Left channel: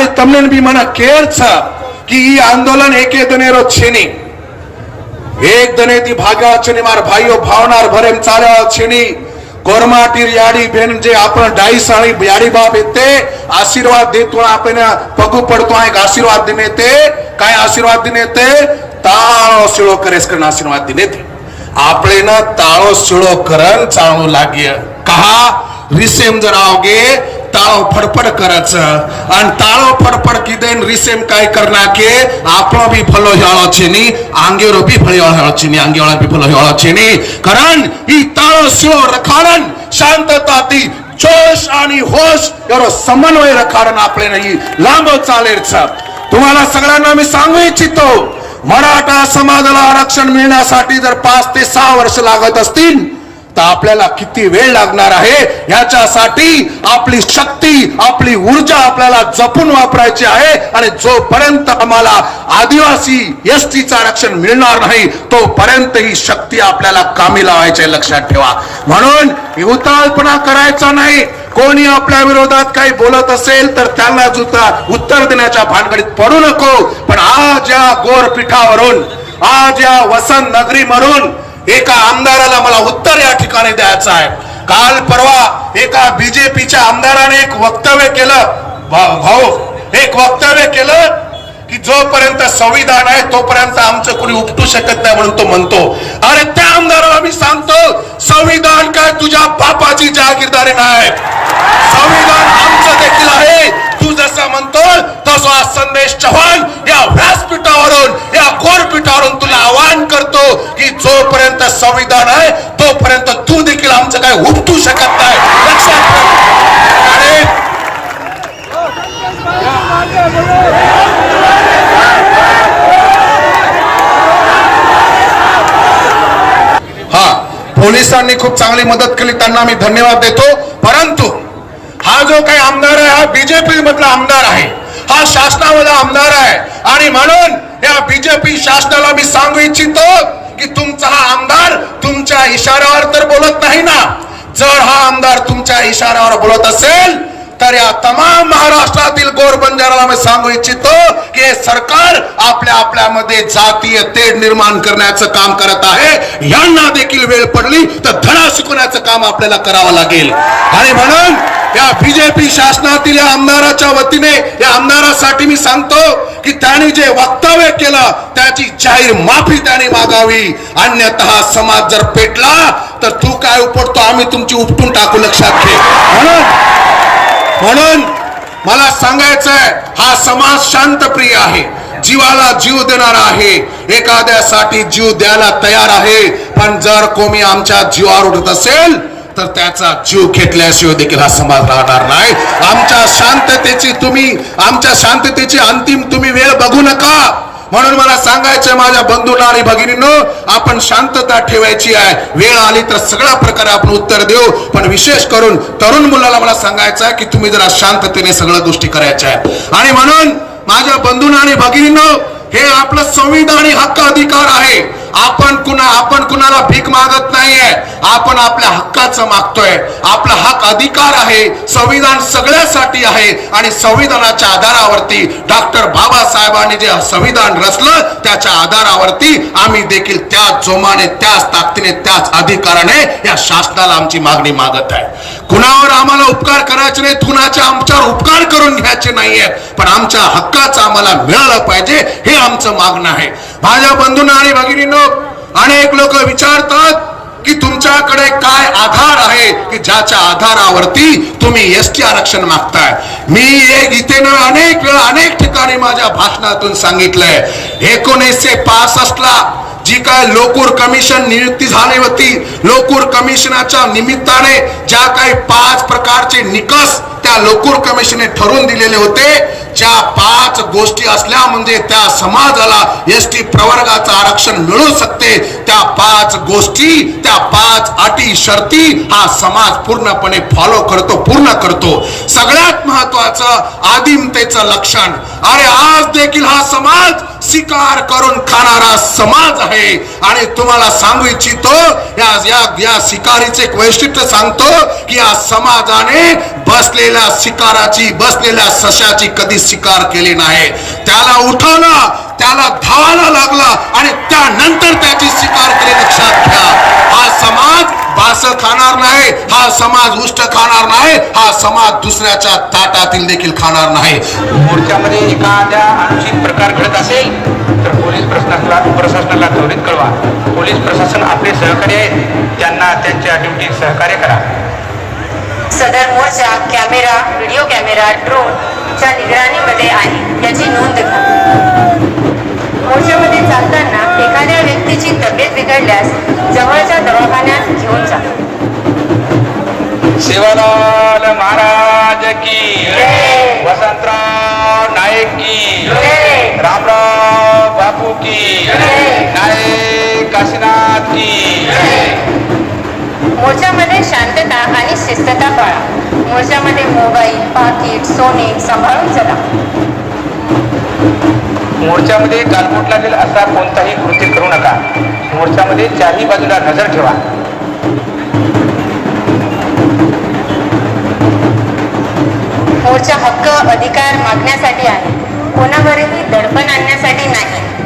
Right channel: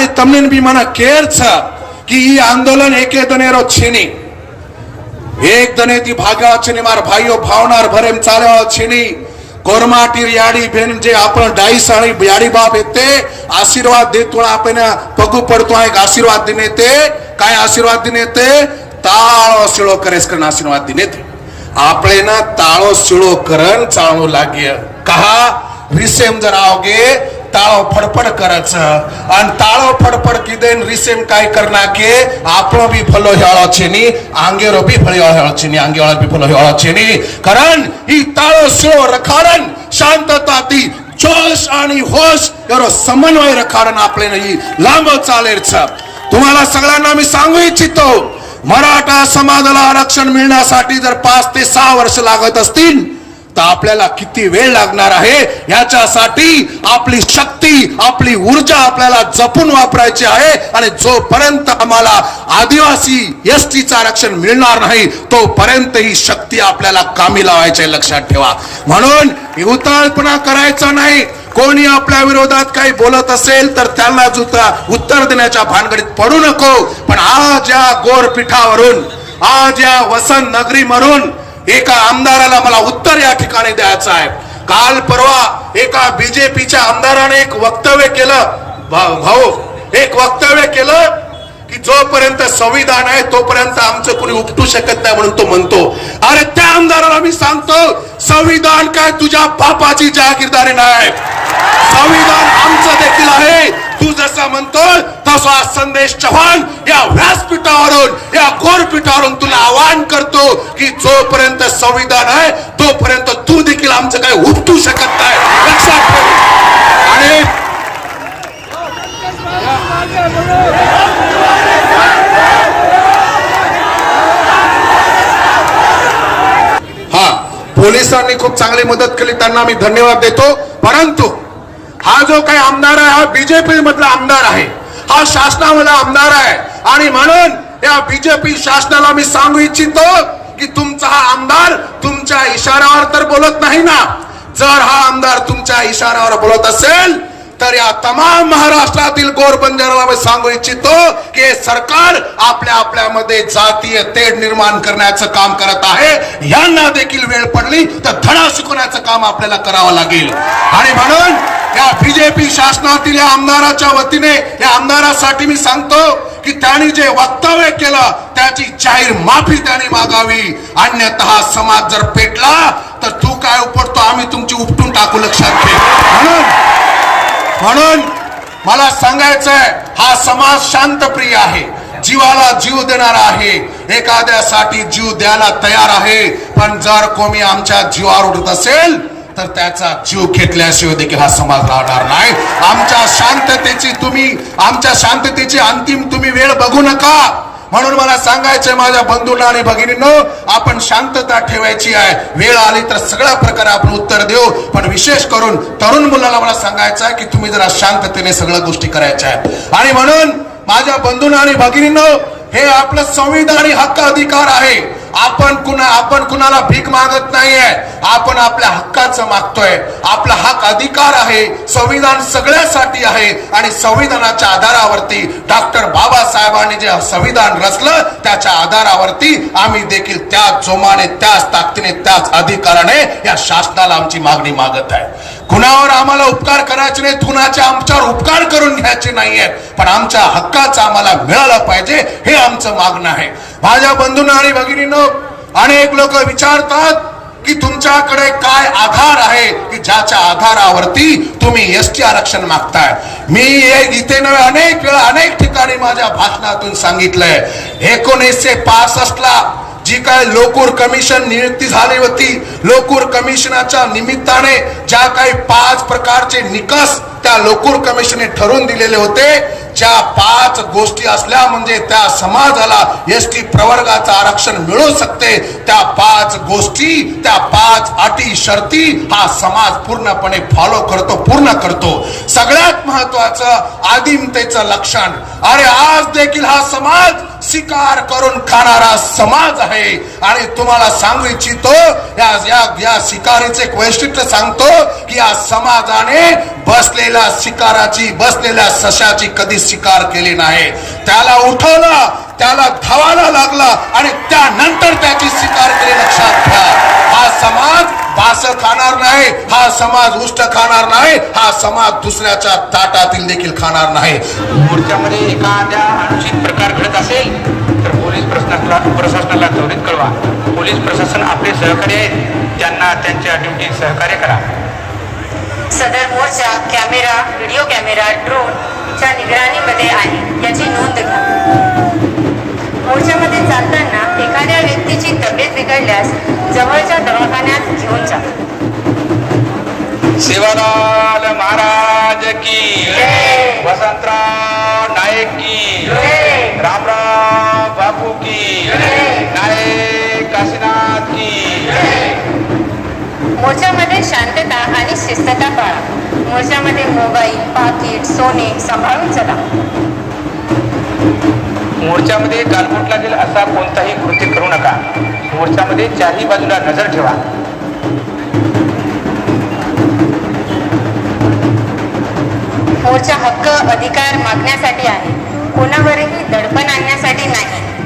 અને તમને બી મને કેર છે કે ઈ આંદોલન એકે દનેરો છે નહીં, એક દનેથી ભાગ્યા છે ને મારા ભાઈઓ ભાવનાર ભરેમ ચાલ્યા છે નહીં. કોરમાટી યાડી બેન જે આપણે ડાઈસાણી યાડી બાપ येते आशीर्वाद देतो आपण पगू पडतो आणि आशीर्वाद दिने ते काय आशीर्वाद दिने ते ताळो शिळो करेस करण आशीर्वाद दिने ते आपले ना ताळो शिळो करण चालू लागिय कहा रिसेम जर आवगे ताळो फडफड करायचं आणि ताळो फडफड किदेन रिसेम काय करना के आपलो भी फलो हेळो छेनी आंगेरो भी फलो हेळो छेनी आंगेवाळा भी फलो हेळो छेनी कारण ही ताळो शिळो रखाडन शांतता ती जोश आणि होश यारो समन्वय रखाडन आपले नाही लांब चालेल छ. तुम्हाला सगळ्यांना मी सांगू इच्छितो मराठा समाजाला आरक्षण मिळण्यासाठी जर 5 ते 6 वर्ष लागत असतील तर आपल्याला किती वेळ लागणार आहे याच्यासाठी आपली शक्ती आपली ऊर्जा आपल्याला जपून वापरायची आहे. आणि जोपर्यंत आम्हाला आदिवासी एसटीचं आरक्षण मिळणार नाही तोपर्यंत ही शक्ती आपल्याला कामी लावायची लक्षात ठेवा. म्हणून उतावळपणा करायचा नाही. कोणी आपल्या विरोधात काही बोलत असेल तर त्यांना उत्तर देण्याच्या भानगडीत पडू नको. पण आज या गोरपीठावरून आज या वसंत नगरीवरून एका आमदाराला मला उत्तर या ठिकाणी द्यायचं आहे. काल परवा एका बीजेपीच्या आमदाराने एक वक्तव्य केलं, भाऊ एक वक्तव्य केलं की जोपर्यंत संविधान आहे तोपर्यंत आमचं कोणी उपटू शकत नाही म्हणून तो म्हणतो. अरे त्या आमदाराला मी सांगतो संविधान काय तुझ्या बापाची जागीरदारी नाही, संविधान आमचं देखील आहे. तू जसा म्हणतो तसा संदेश चव्हाण या व्यासपीठावरून या गोरपीठावरून तुला आवाहन करतो की जोपर्यंत संविधान आहे तोपर्यंत तू देखील आमचं काय उपटू शकत नाही लक्षात ठेव. आणि हा पोलिसांनी खूप चांगली मदत केली त्यांना मी धन्यवाद देतो. परंतु हा जो काही आमदार आहे हा बीजेपी मधला आमदार आहे, हा शासनामधला आमदार आहे. आणि म्हणून या बीजेपी शासनाला मी सांगू इच्छितो की तुमचा हा आमदार तुमच्या इशाऱ्यावर तर बोलत नाही ना. जर हा आमदार तुमच्या इशाऱ्यावर बोलत असेल तर या तमाम महाराष्ट्रातील गोरबंजाराला मी सांगू इच्छितो की सरकार आपल्यामध्ये जातीय तेढ निर्माण करण्याचं काम करत आहे. यांना देखील वेळ पडली तर धडा शिकवण्याचं काम आपल्याला करावं लागेल. आणि म्हणून या बीजेपी शासनातील या आमदाराच्या वतीने या आमदारासाठी मी सांगतो की त्यांनी जे वक्तव्य केलं त्याची जाहीर माफी त्यांनी मागावी. अन्यथा समाज जर पेटला तर तू काय उपटतो आम्ही तुमची उपटून टाकू लक्षात ठेव. म्हणून मला सांगायचंय हा समाज शांतप्रिय आहे, जीवाला जीव देणारा आहे, एखाद्यासाठी जीव द्यायला तयार आहे. पण जर कोणी आमच्या जीवावर उठत असेल तर त्याचा जीव घेतल्याशिवाय देखील हा समाज राहणार नाही. आमच्या शांततेची अंतिम तुम्ही वेळ बघू नका. म्हणून मला सांगायचंय माझ्या बंधूंना आणि भगिनींनो आपण शांतता ठेवायची आहे. वेळ आली तर सगळ्या प्रकारे आपण उत्तर देऊ. पण विशेष करून तरुण मुलाला मला सांगायचं आहे की तुम्ही जरा शांततेने सगळ्या गोष्टी करायच्या आहेत. आणि म्हणून माझ्या बंधूंना आणि भगिनींनो हे आपलं संविधानिक हक्क अधिकार आहे. आपण कुणाला भीक मागत नाहीये, आपण आपल्या हक्काचं मागतोय. आपला हक्क अधिकार आहे. संविधान सगळ्यासाठी आहे आणि संविधानाच्या आधारावरती डॉक्टर बाबासाहेबांनी जे संविधान रचलं त्याच्या आधारावरती आम्ही देखील त्याच जोमाने त्याच ताकदीने त्याच अधिकाराने या शासनाला आमची मागणी मागत आहे. कुणावर आम्हाला उपकार करायचे नाही, कुणाचे आमच्यावर उपकार करून घ्यायचे नाहीये, पण आमच्या हक्काचं आम्हाला मिळालं पाहिजे हे आमचं मागणं आहे. माझ्या बंधूंना आणि भगिनींनो अनेक लोक विचारतात की तुमच्याकडे काय आधार आहे की ज्याच्या आधारावरती तुम्ही एसटी आरक्षण मागताय. मी इथे अनेक वेळा अनेक ठिकाणी माझ्या भाषणातून सांगितलंय 1965 ला जी काय लोकूर कमिशन नियुक्ती झाली होती, लोकूर कमिशनाच्या निमित्ताने ज्या काही 5 प्रकारचे निकष त्या लोकूर कमिशनने ठरवून दिलेले होते, ज्या 5 गोष्टी असल्या म्हणजे त्या समाजाला एसटी प्रवर्गाचं आरक्षण मिळू शकते, त्या 5 गोष्टी त्या 5 अटी शर्ती हा समाज पूर्णपणे फॉलो करतो, पूर्ण करतो. सगळ्यात महत्वाचं आदिमतेचं लक्षण. अरे आज देखील हा समाज शिकार करून खाणारा समाज आहे. आणि तुम्हाला सांगू इच्छितो, या या या शिकारीचे एक वैशिष्ट्य सांगतो की या समाजाने बसलेल्या शिकाराची, बसलेल्या सशाची कधी शिकार केली नाही. त्याला उठवलं, त्याला धावायला लागला आणि त्यानंतर त्याची शिकार केली. लक्षात घ्या, हा समाज बास खाणार नाही, हा समाज उष्ट खाणार नाही, हा समाज दुसऱ्याच्या ताटातील देखील खाणार नाही. मोर्चामध्ये एखाद्या अनुचित प्रकार घडत असेल तर पोलीस प्रशासनाला त्वरित कळवा. पोलीस प्रशासन आपले सहकारी आहेत, त्यांना त्यांच्या ड्युटीत सहकार्य करा. सदर मोर्चा कॅमेरा, व्हिडिओ कॅमेरा, ड्रोनच्या निगराणीमध्ये आहे याची नोंद घ्या. मोर्चामध्ये चालताना एखाद्या व्यक्तीची तब्येत बिघडल्यास जवळच्या दवाखान्यात घेऊन जा. शिवलाल महाराज की, वसंतराव नाईक की, रामराव बापू की, नाईक काशीनाथ की. मोर्चामध्ये शांतता आणि शिस्तता पाळा. मोर्चामध्ये मोबाईल, पाकिट, सोने सांभाळून चला. मोर्चामध्ये गालबोट लागेल असा कोणताही कृत्य करू नका. मोर्चामध्ये चारही बाजूला नजर ठेवा. मोर्चा हक्क अधिकार मागण्यासाठी आहे, कोणावरही दडपण आणण्यासाठी नाही.